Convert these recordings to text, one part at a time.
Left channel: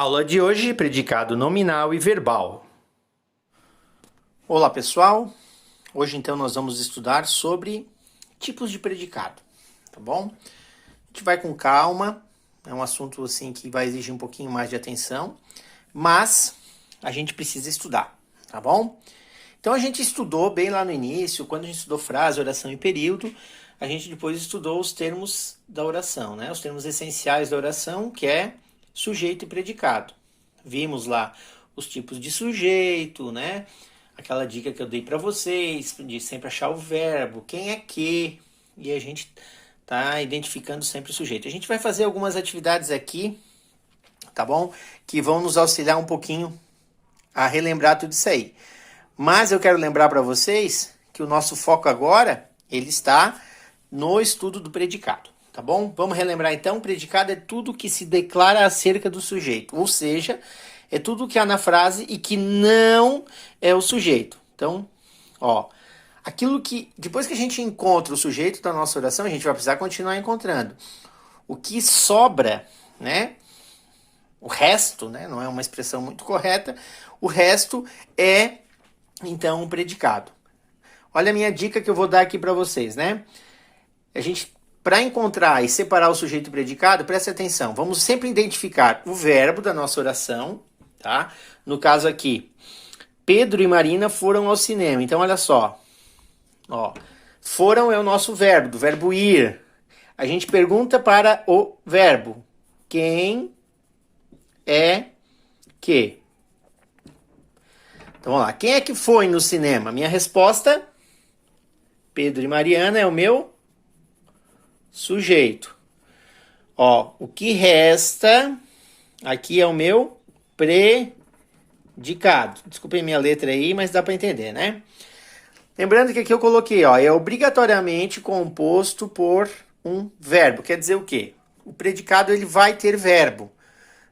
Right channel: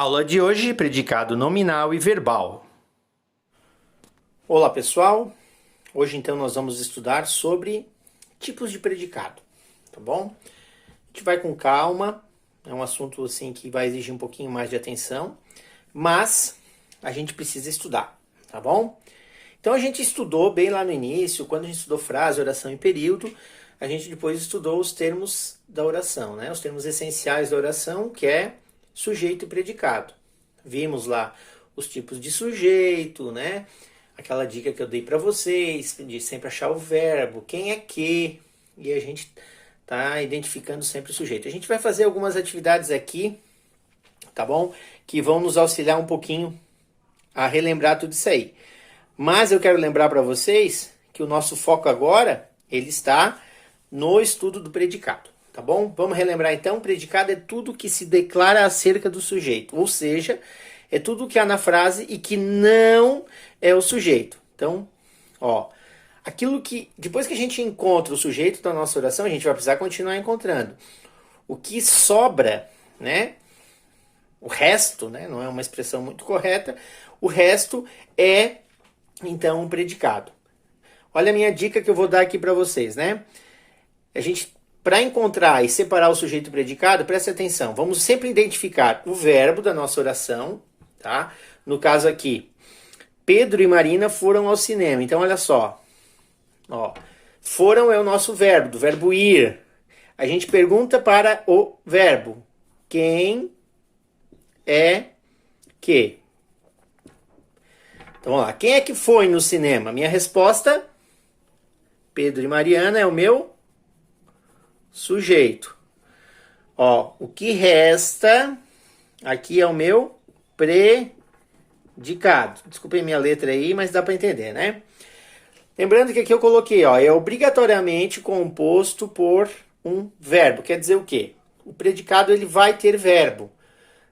Aula de hoje, predicado nominal e verbal. Olá, pessoal. Hoje, então, nós vamos estudar sobre tipos de predicado, tá bom? A gente vai com calma, é um assunto, assim, que vai exigir um pouquinho mais de atenção, mas a gente precisa estudar, tá bom? Então, a gente estudou bem lá no início, quando a gente estudou frase, oração e período, a gente depois estudou os termos da oração, né? Os termos essenciais da oração, que é sujeito e predicado. Vimos lá os tipos de sujeito, né? Aquela dica que eu dei para vocês, de sempre achar o verbo, quem é que, e a gente tá identificando sempre o sujeito. A gente vai fazer algumas atividades aqui, tá bom? Que vão nos auxiliar um pouquinho a relembrar tudo isso aí. Mas eu quero lembrar para vocês que o nosso foco agora, ele está no estudo do predicado. Tá bom? Vamos relembrar então, predicado é tudo que se declara acerca do sujeito, ou seja, é tudo que há na frase e que não é o sujeito. Então, aquilo que, depois que a gente encontra o sujeito da nossa oração, a gente vai precisar continuar encontrando. O que sobra, né? O resto, né? Não é uma expressão muito correta, o resto é, então, um predicado. Olha a minha dica que eu vou dar aqui para vocês, né? Para encontrar e separar o sujeito e o predicado, preste atenção. Vamos sempre identificar o verbo da nossa oração, tá? No caso aqui, Pedro e Marina foram ao cinema. Então, olha só. Foram é o nosso verbo, do verbo ir. A gente pergunta para o verbo. Quem é que? Então, vamos lá. Quem é que foi no cinema? Minha resposta, Pedro e Mariana, é o meu sujeito. O que resta aqui é o meu predicado. Desculpem minha letra aí, mas dá para entender, né? Lembrando que aqui eu coloquei, é obrigatoriamente composto por um verbo. Quer dizer o quê? O predicado ele vai ter verbo,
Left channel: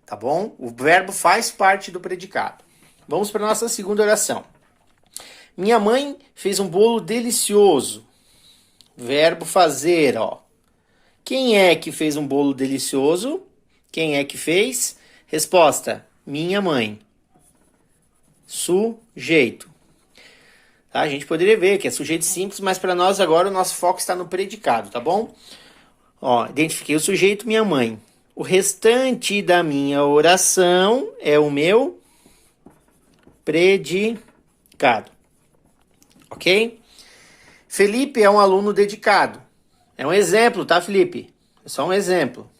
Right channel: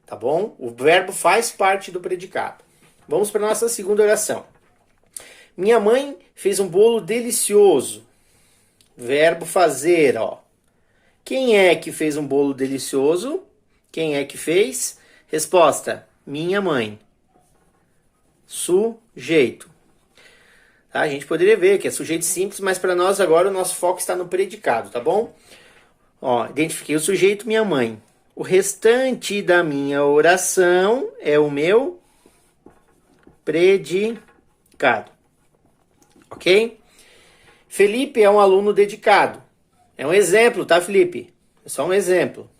tá bom? O verbo faz parte do predicado. Vamos para a nossa segunda oração. Minha mãe fez um bolo delicioso. Verbo fazer, Quem é que fez um bolo delicioso? Quem é que fez? Resposta, minha mãe. Sujeito. Tá? A gente poderia ver que é sujeito simples, mas para nós agora o nosso foco está no predicado, tá bom? Identifiquei o sujeito, minha mãe. O restante da minha oração é o meu predicado. Ok? Felipe é um aluno dedicado. É um exemplo, tá, Felipe? É só um exemplo.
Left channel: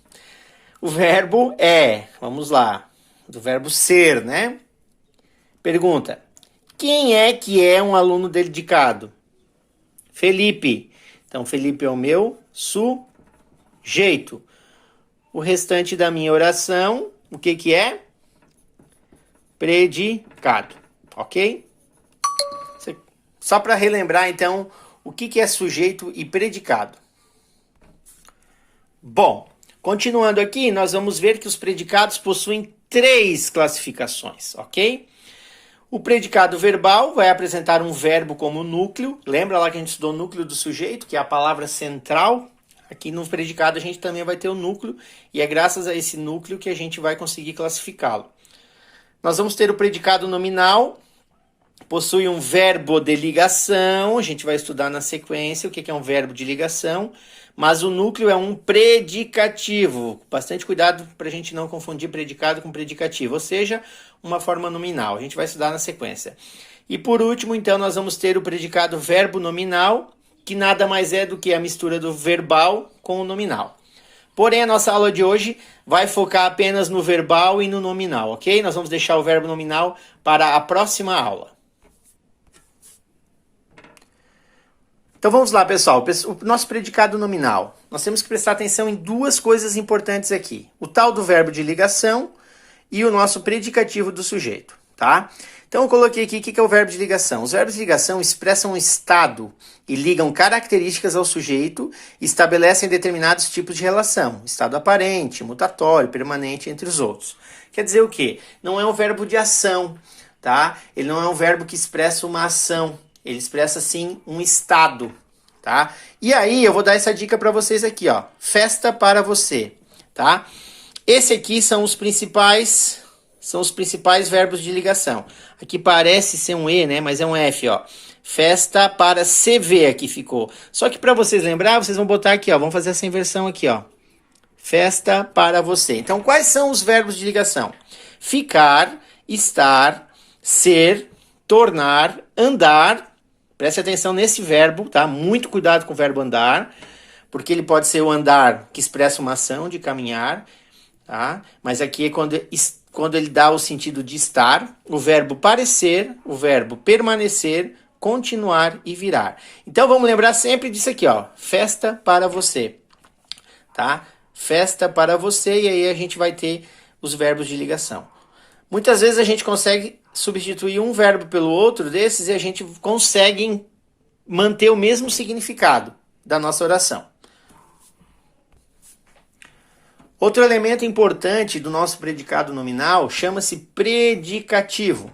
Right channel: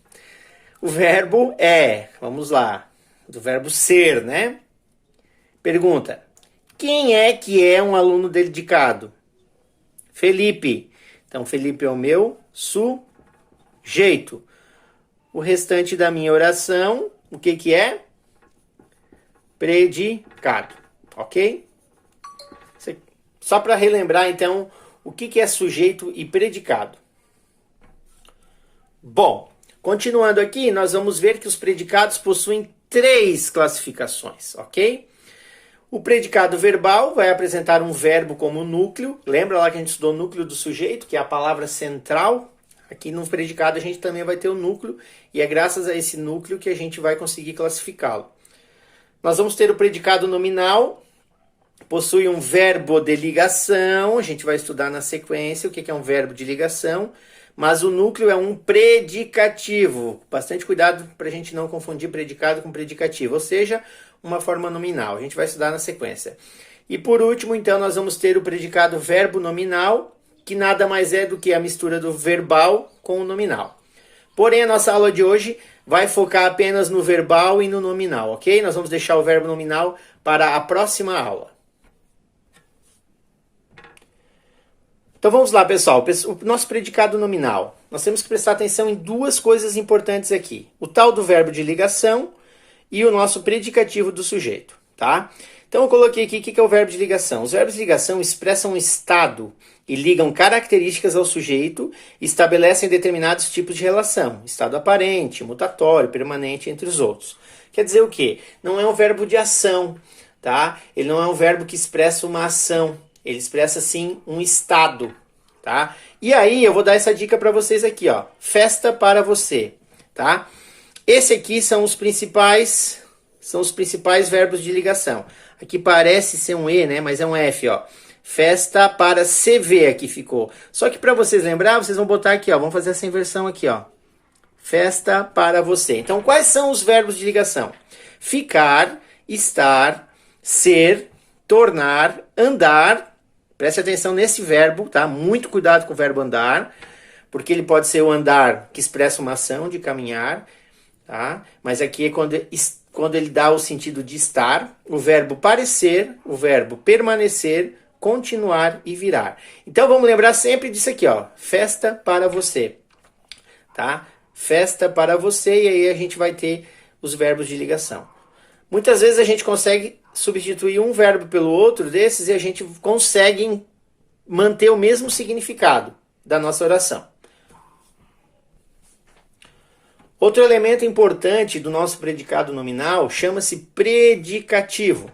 O verbo é, vamos lá, do verbo ser, né? Pergunta, quem é que é um aluno dedicado? Felipe. Então, Felipe é o meu sujeito. O restante da minha oração, o que que é? Predicado, ok? Só para relembrar, então, o que que é sujeito e predicado. Bom, continuando aqui, nós vamos ver que os predicados possuem 3 classificações, ok? O predicado verbal vai apresentar um verbo como núcleo. Lembra lá que a gente estudou o núcleo do sujeito, que é a palavra central? Aqui no predicado a gente também vai ter o núcleo, e é graças a esse núcleo que a gente vai conseguir classificá-lo. Nós vamos ter o predicado nominal, possui um verbo de ligação, a gente vai estudar na sequência o que é um verbo de ligação, mas o núcleo é um predicativo. Bastante cuidado para a gente não confundir predicado com predicativo, ou seja, uma forma nominal. A gente vai estudar na sequência. E por último, então, nós vamos ter o predicado verbo nominal, que nada mais é do que a mistura do verbal com o nominal. Porém, a nossa aula de hoje vai focar apenas no verbal e no nominal, ok? Nós vamos deixar o verbo nominal para a próxima aula. Então vamos lá, pessoal. O nosso predicado nominal. Nós temos que prestar atenção em 2 coisas importantes aqui. O tal do verbo de ligação e o nosso predicativo do sujeito, tá? Então eu coloquei aqui o que é o verbo de ligação. Os verbos de ligação expressam um estado e ligam características ao sujeito e estabelecem determinados tipos de relação. Estado aparente, mutatório, permanente, entre os outros. Quer dizer o quê? Não é um verbo de ação, tá? Ele não é um verbo que expressa uma ação. Ele expressa, sim, um estado, tá? E aí, eu vou dar essa dica para vocês aqui, Festa para você, tá? Esse aqui são os principais são os principais verbos de ligação. Aqui parece ser um E, né? Mas é um F, ó. Festa para CV aqui ficou. Só que para vocês lembrar, vocês vão botar aqui, ó. Vamos fazer essa inversão aqui, ó. Festa para você. Então, quais são os verbos de ligação? Ficar, estar, ser, tornar, andar. Preste atenção nesse verbo, tá? Muito cuidado com o verbo andar, porque ele pode ser o andar que expressa uma ação de caminhar, tá? Mas aqui é quando ele dá o sentido de estar, o verbo parecer, o verbo permanecer, continuar e virar. Então vamos lembrar sempre disso aqui, ó. Festa para você, tá? Festa para você, e aí a gente vai ter os verbos de ligação. Muitas vezes a gente consegue substituir um verbo pelo outro desses e a gente consegue manter o mesmo significado da nossa oração. Outro elemento importante do nosso predicado nominal chama-se predicativo.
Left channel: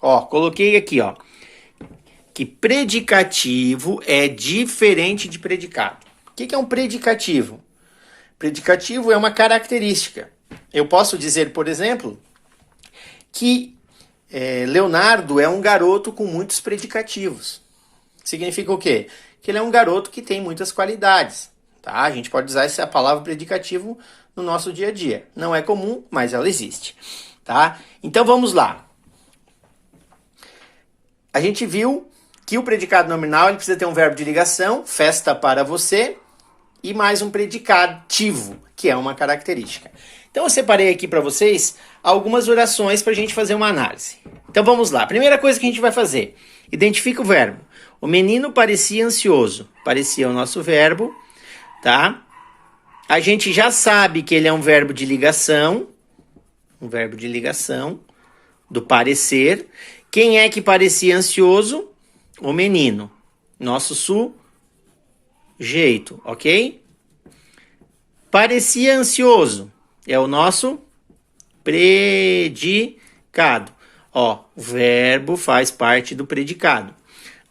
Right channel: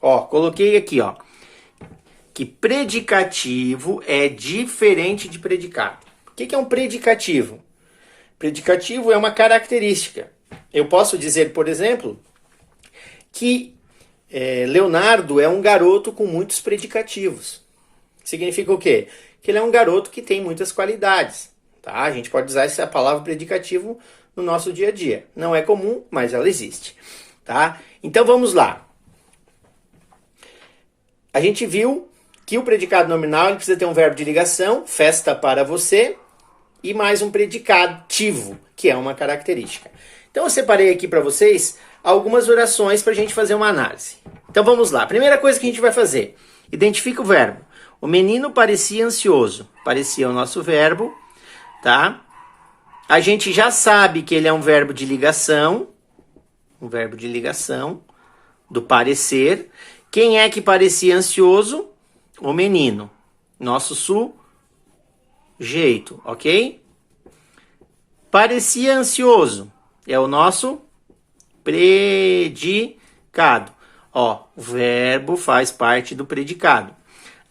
Ó, coloquei aqui, ó, que predicativo é diferente de predicado. O que é um predicativo? Predicativo é uma característica. Eu posso dizer, por exemplo, que Leonardo é um garoto com muitos predicativos. Significa o quê? Que ele é um garoto que tem muitas qualidades. Tá? A gente pode usar essa palavra predicativo no nosso dia a dia. Não é comum, mas ela existe. Tá? Então vamos lá. A gente viu que o predicado nominal ele precisa ter um verbo de ligação, festa para você, e mais um predicativo, que é uma característica. Então eu separei aqui para vocês algumas orações para a gente fazer uma análise. Então vamos lá. Primeira coisa que a gente vai fazer. Identifica o verbo. O menino parecia ansioso. Parecia o nosso verbo, tá? A gente já sabe que ele é um verbo de ligação. Um verbo de ligação do parecer. Quem é que parecia ansioso? O menino. Nosso sujeito, ok? Parecia ansioso. É o nosso predicado. Ó, o verbo faz parte do predicado.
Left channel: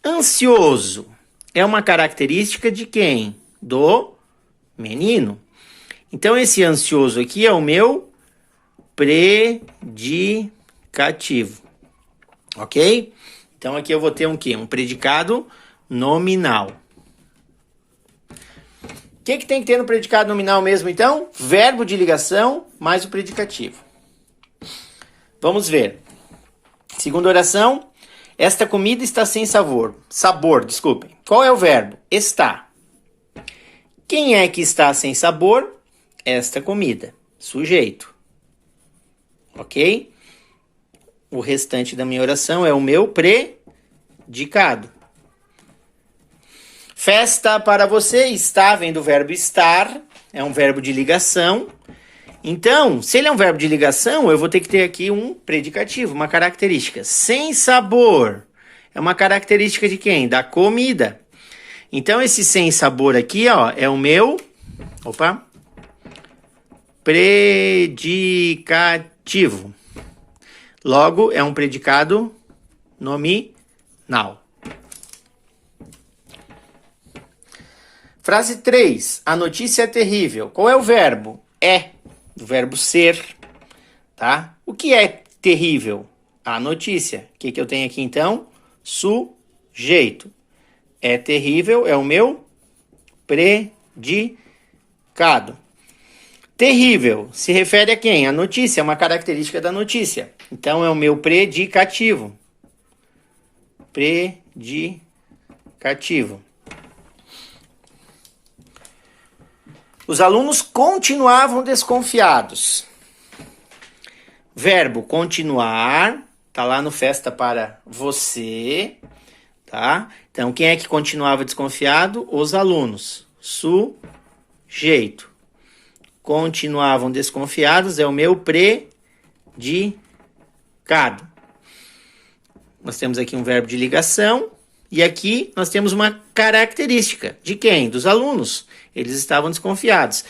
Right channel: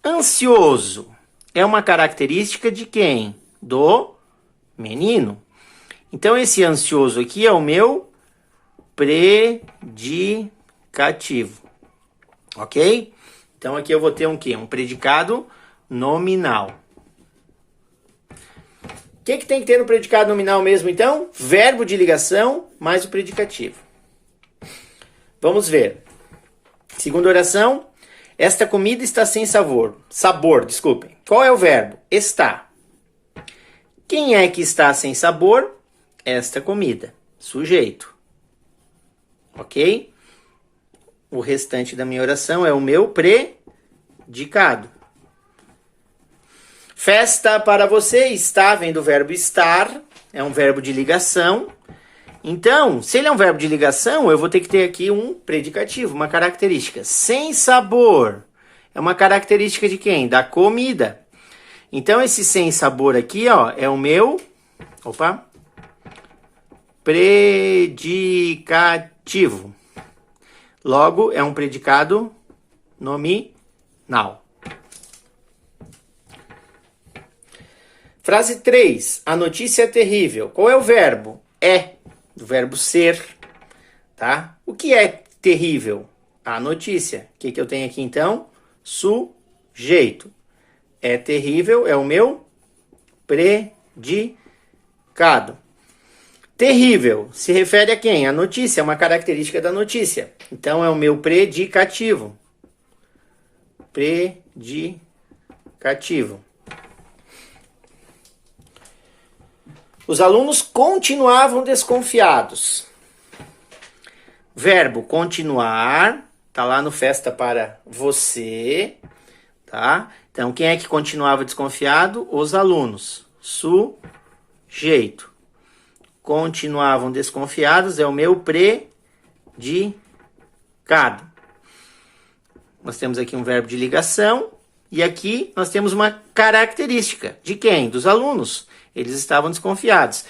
Ansioso é uma característica de quem? Do menino. Então, esse ansioso aqui é o meu predicativo. Ok? Então, aqui eu vou ter um quê? Um predicado nominal. O que tem que ter no predicado nominal mesmo, então? Verbo de ligação mais o predicativo. Vamos ver. Segunda oração. Esta comida está sem sabor. Desculpem. Qual é o verbo? Está. Quem é que está sem sabor? Esta comida. Sujeito. Ok? O restante da minha oração é o meu predicado. Festa para você, está, vem do verbo estar, é um verbo de ligação. Então, se ele é um verbo de ligação, eu vou ter que ter aqui um predicativo, uma característica. Sem sabor é uma característica de quem? Da comida. Então, esse sem sabor aqui, ó, é o meu, predicativo. Logo, é um predicado nominal. Frase 3. A notícia é terrível. Qual é o verbo? É. O verbo ser. Tá? O que é terrível? A notícia. O que eu tenho aqui então? Sujeito. É terrível é o meu predicado. Terrível se refere a quem? A notícia, é uma característica da notícia. Então é o meu predicativo. Predicativo. Os alunos continuavam desconfiados. Verbo continuar, tá lá no festa para você, tá? Então, quem é que continuava desconfiado? Os alunos. Sujeito. Continuavam desconfiados é o meu predicado. Nós temos aqui um verbo de ligação e aqui nós temos uma característica. De quem? Dos alunos. Eles estavam desconfiados.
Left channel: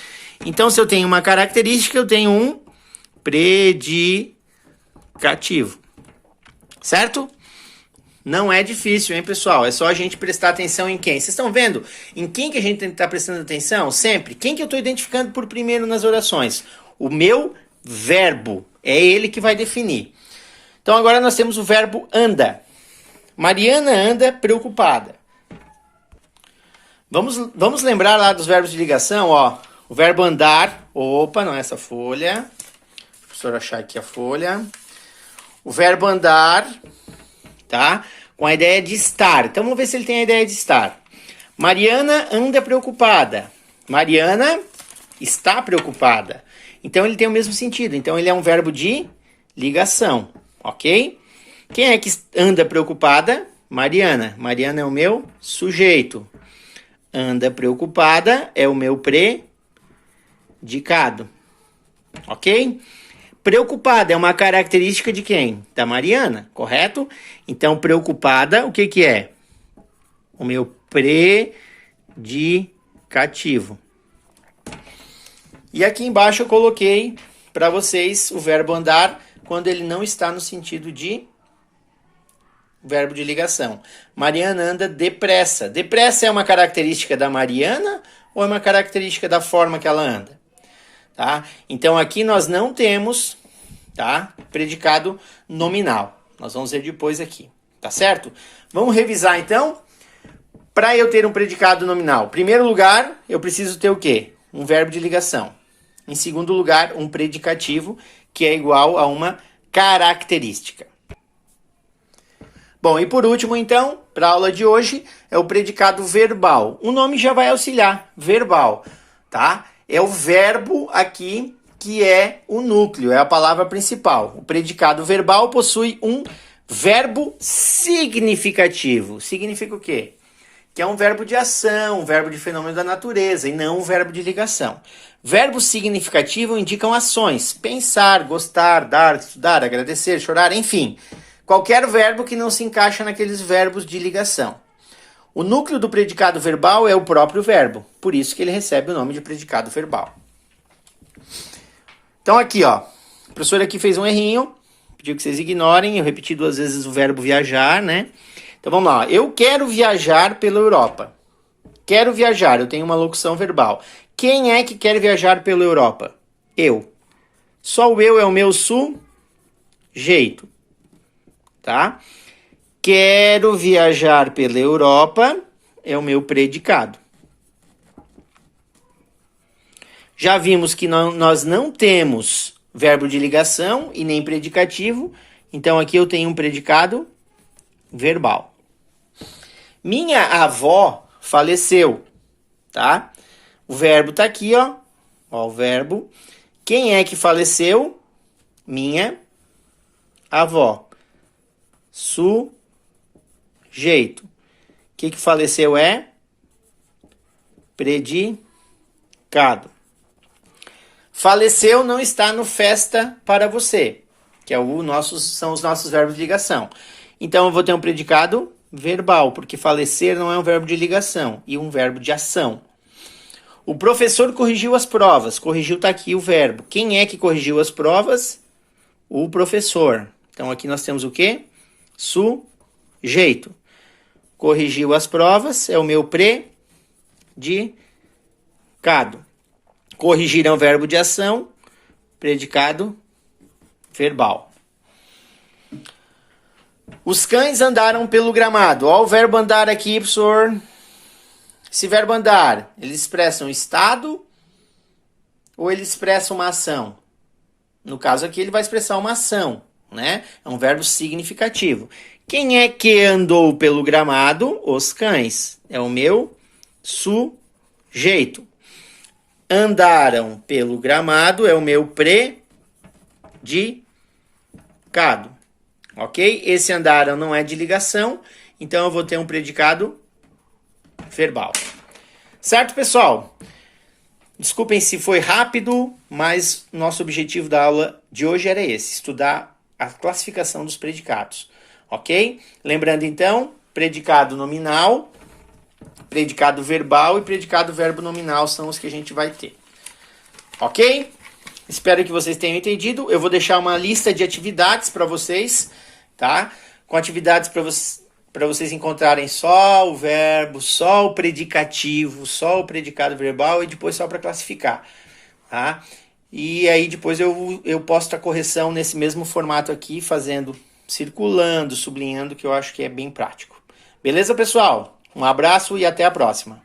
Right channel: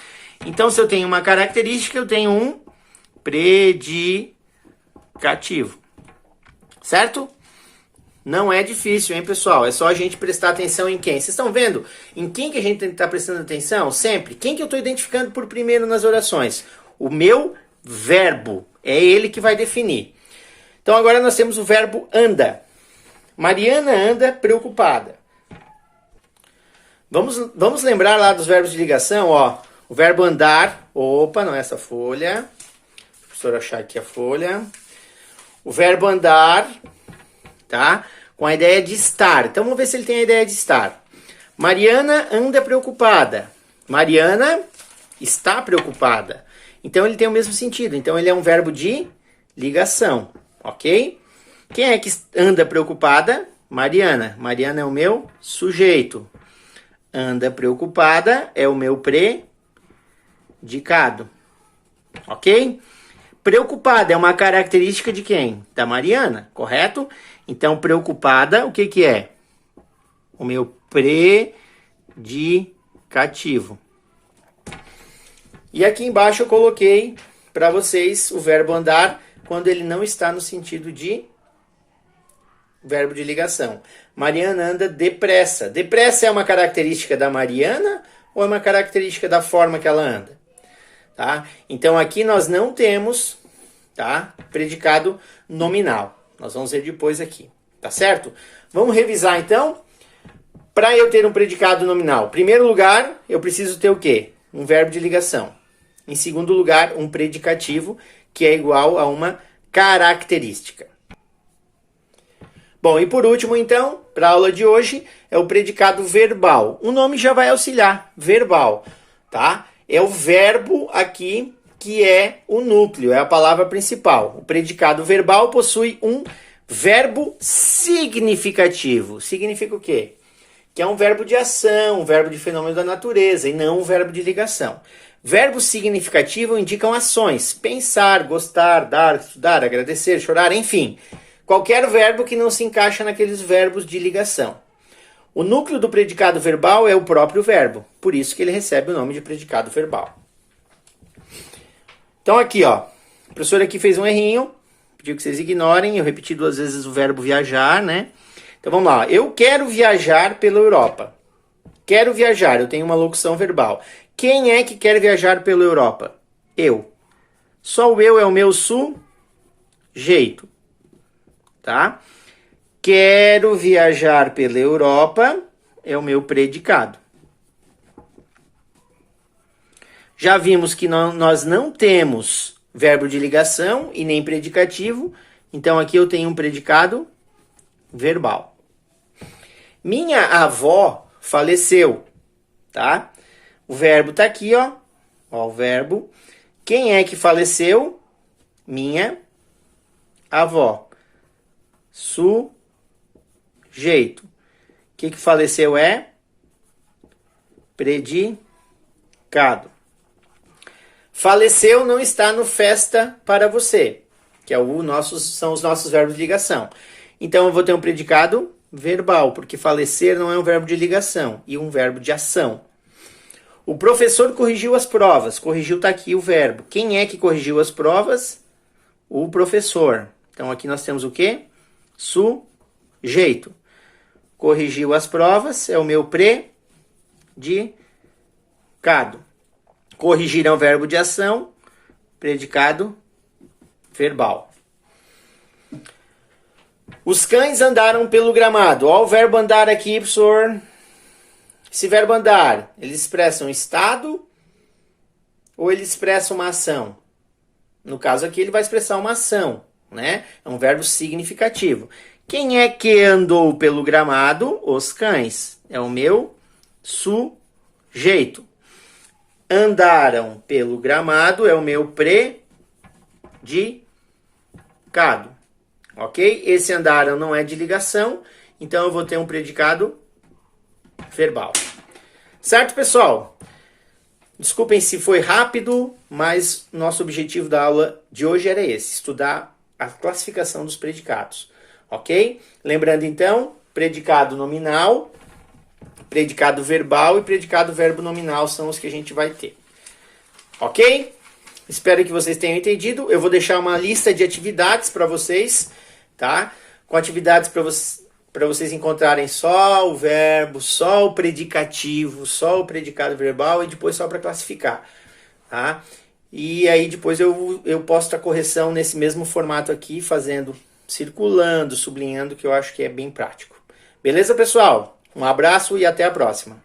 Então, se eu tenho uma característica, eu tenho um predicativo. Certo? Não é difícil, hein, pessoal? É só a gente prestar atenção em quem. Vocês estão vendo em quem que a gente tem que estar prestando atenção? Sempre. Quem que eu estou identificando por primeiro nas orações? O meu verbo. É ele que vai definir. Então agora nós temos o verbo anda. Mariana anda preocupada. Vamos lembrar lá dos verbos de ligação, ó. O verbo andar, opa, não é essa folha. Deixa o professor achar aqui a folha. O verbo andar, tá? Com a ideia de estar. Então vamos ver se ele tem a ideia de estar. Mariana anda preocupada. Mariana está preocupada. Então ele tem o mesmo sentido. Então ele é um verbo de ligação, ok? Quem é que anda preocupada? Mariana. Mariana é o meu sujeito. Anda preocupada é o meu predicado, ok? Preocupada é uma característica de quem? Da Mariana, correto? Então, preocupada, o que que é? O meu predicativo. E aqui embaixo eu coloquei para vocês o verbo andar quando ele não está no sentido de verbo de ligação. Mariana anda depressa. Depressa é uma característica da Mariana ou é uma característica da forma que ela anda? Tá? Então aqui nós não temos, tá, predicado nominal. Nós vamos ver depois aqui, tá certo? Vamos revisar então. Para eu ter um predicado nominal, em primeiro lugar, eu preciso ter o quê? Um verbo de ligação. Em segundo lugar, um predicativo, que é igual a uma característica. Bom, e por último, então, para a aula de hoje, é o predicado verbal. O nome já vai auxiliar, verbal, tá? É o verbo aqui que é o núcleo, é a palavra principal. O predicado verbal possui um verbo significativo. Significa o quê? Que é um verbo de ação, um verbo de fenômeno da natureza, e não um verbo de ligação. Verbo significativo indicam ações, pensar, gostar, dar, estudar, agradecer, chorar, enfim. Qualquer verbo que não se encaixa naqueles verbos de ligação. O núcleo do predicado verbal é o próprio verbo, por isso que ele recebe o nome de predicado verbal. Então aqui, ó, a professora aqui fez um errinho, pediu que vocês ignorem, eu repeti 2 vezes o verbo viajar, né? Então vamos lá, eu quero viajar pela Europa. Quero viajar, eu tenho uma locução verbal. Quem é que quer viajar pela Europa? Eu. Só o eu é o meu sujeito. Tá? Quero viajar pela Europa é o meu predicado. Já vimos que nós não temos verbo de ligação e nem predicativo, então aqui eu tenho um predicado verbal. Minha avó faleceu, tá? O verbo tá aqui, ó. Ó, o verbo. Quem é que faleceu? Minha avó. Sujeito. O que faleceu é? Predicado. Faleceu não está no festa para você, que é são os nossos verbos de ligação. Então eu vou ter um predicado verbal, porque falecer não é um verbo de ligação, e um verbo de ação. O professor corrigiu as provas. Corrigiu tá aqui o verbo. Quem é que corrigiu as provas? O professor. Então aqui nós temos o quê? Sujeito. Corrigiu as provas é o meu predicado. Corrigir é um verbo de ação, predicado verbal. Os cães andaram pelo gramado. Olha o verbo andar aqui, professor. Esse verbo andar, ele expressa um estado ou ele expressa uma ação? No caso aqui, ele vai expressar uma ação, né? É um verbo significativo. Quem é que andou pelo gramado? Os cães. É o meu sujeito. Andaram pelo gramado é o meu predicado. Ok? Esse andaram não é de ligação, então eu vou ter um predicado verbal. Certo, pessoal? Desculpem se foi rápido, mas nosso objetivo da aula de hoje era esse, estudar a classificação dos predicados. Ok? Lembrando então, predicado nominal, predicado verbal e predicado verbo nominal são os que a gente vai ter. Ok? Espero que vocês tenham entendido. Eu vou deixar uma lista de atividades para vocês, tá? Com atividades para vocês encontrarem só o verbo, só o predicativo, só o predicado verbal e depois só para classificar, tá? E aí depois eu posto a correção nesse mesmo formato aqui, fazendo, circulando, sublinhando, que eu acho que é bem prático. Beleza, pessoal? Um abraço e até a próxima.